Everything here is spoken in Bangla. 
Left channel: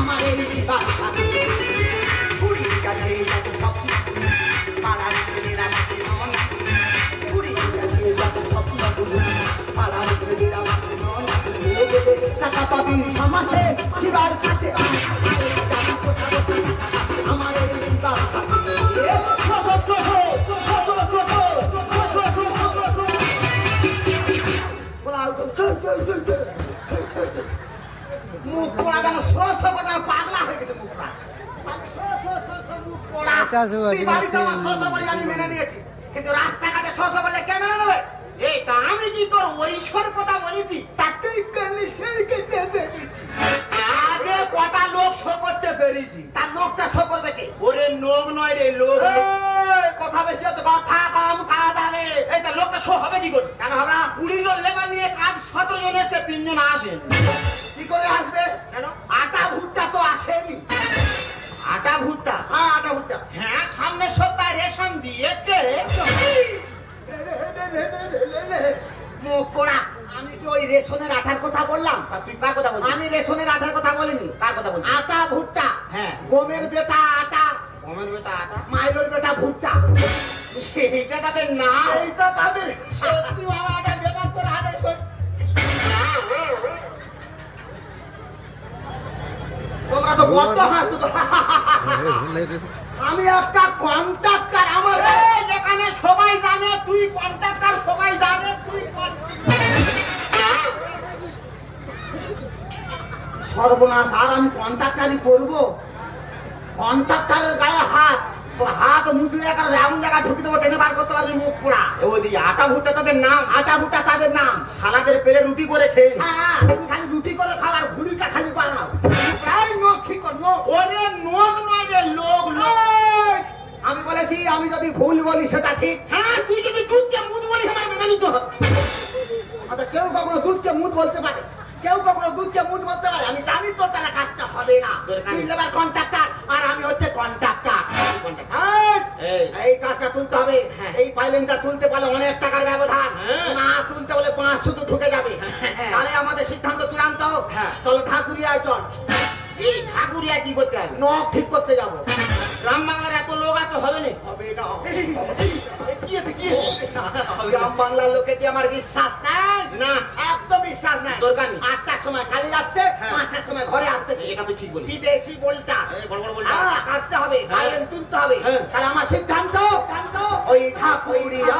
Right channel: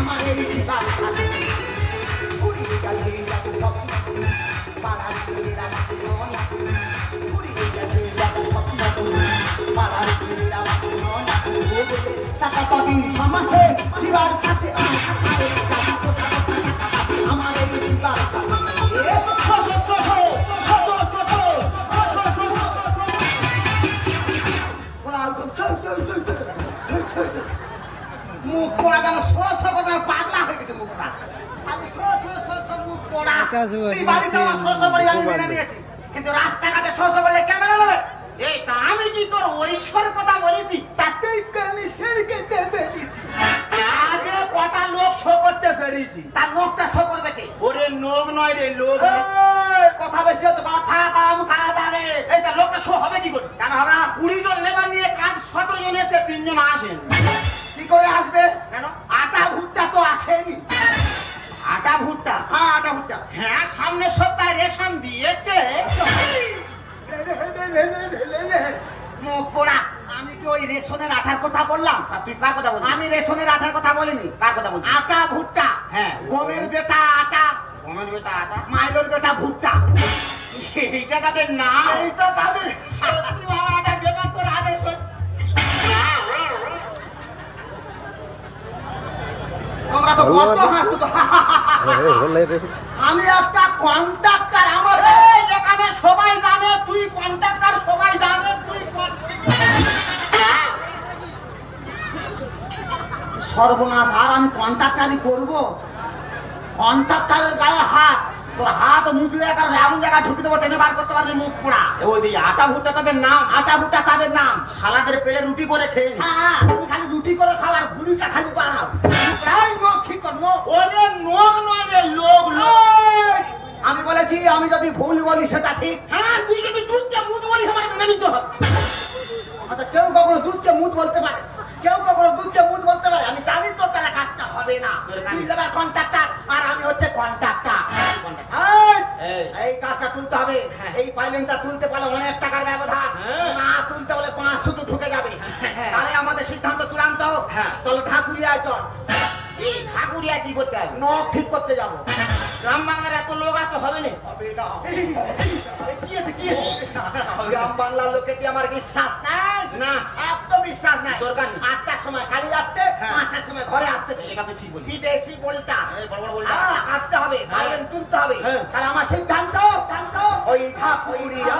আমার এই জীবন সমাজে জীবন কাছে মুখ পোড়া যেন পাগলা হয়ে গেছে মুখটা মুখ পোড়া কিন্তু রাস্তাঘাটে শোষা বলে ক্যামেরা নেবে এই তা আমি কি তোর ঐশ্বর কথা বলেছি তাতেই আজে কটা লোক শো করতে পেরেছি তার লোকটা শো করবে কে ওরে লোক নয় রে লোক কথা বেশি হতো কথা কাম কাজ আরে এটা লোকটা শো হবে কি করে কেন হবে না 20 জন লেবার নিয়ে কাজ 17 জন এসে 3 জন আসেন কি করে আসবে কেন আটা ভুট্টা তো আসেনি আটা ভুট্টা হ্যাঁ আটা ভুট্টা হ্যাঁ সামনের সপ্তাহে রেশন দিয়েছে মুখ পোড়া আমি তো ওই রেশনের আটার কথা বললাম তুই কার কথা বলছিস আমি রেশনের আটার কথা বলিনি কার কথা বলছিস আটা ভুট্টা হ্যাঁ গমের বেটা আটা গমের বেটা আটা মাইলের বেটা ভুট্টা এইটা তাদের না এইটা তাদের সত্যি বাবা এটা বেটা তোর হাতে তোমরা তো বড় হাসতো আমি একটা কন্ট্রাক্টর আমার এখানে সবাই জানে তুই কন্ট্রাক্টর সবাই জানে তুই সর্বনাশ আর আমি কন্ট্রাক্টারই করবো কন্ট্রাক্টরের গায়ে হাত তোর হাত মুচড়ে এমন জায়গা ঢুকে দেবো টেনে বার করতে পারবি মুখ পোড়া ওই আটা ভুট্টা তাদের নাম আটা ভুট্টা তাদের নাম সালাদের পেলে রুটি করে খেয়ে হ্যাঁ তুমি খালি রুটি করে খাও আর ঘুড়িটা খালি বানাও ঠিক কর ওরে নোক নয় রে লোক আমি বলেছি আমি যদি ভুল বলি সেটা ঠিক হ্যাঁ তুই যদি দুধকে মুখ বলিস আমার মনে নিতে হবে কেউ কখনো দুধকে মুখ বলতে পারে কেউ কখনো দুধকে মুখ বলতে পারে আমি জানি তো তারা কাজটা হবে না তুই লেবার কন্ট্রাক্টর আর আমি হচ্ছে কন্ট্রাক্টর এই কাজটা তুলতে হবে এই পাইলেনটা তুলতে পারলে অনেক টাকার ব্যবধান না তুলতে বলে 500 তো ঢুকে যাবে তাহলে আমাদের সিদ্ধান্ত চূড়ান্ত চলো ঠাকুরিয়া চল এই ঠাকুরিয়া কি করতে হবে নখ ঠিক করতে যাবো গ্রাম বাংলার এত লোক আছে হবে না গ্রাম বাংলার লোকে কি আমার বিশ্বাস নাই না একদম বিশ্বাস নাই দরকার নেই 8টার সময় কাজে যাচ্ছে 5টার সময় ঘরে আসতে এটা তো ঠিক বলি বিদেশি বলটা কাটতে হবে গায়েন তুলতে হবে তাহলে আমার সিদ্ধান্ত ওই ঠাকুরিয়া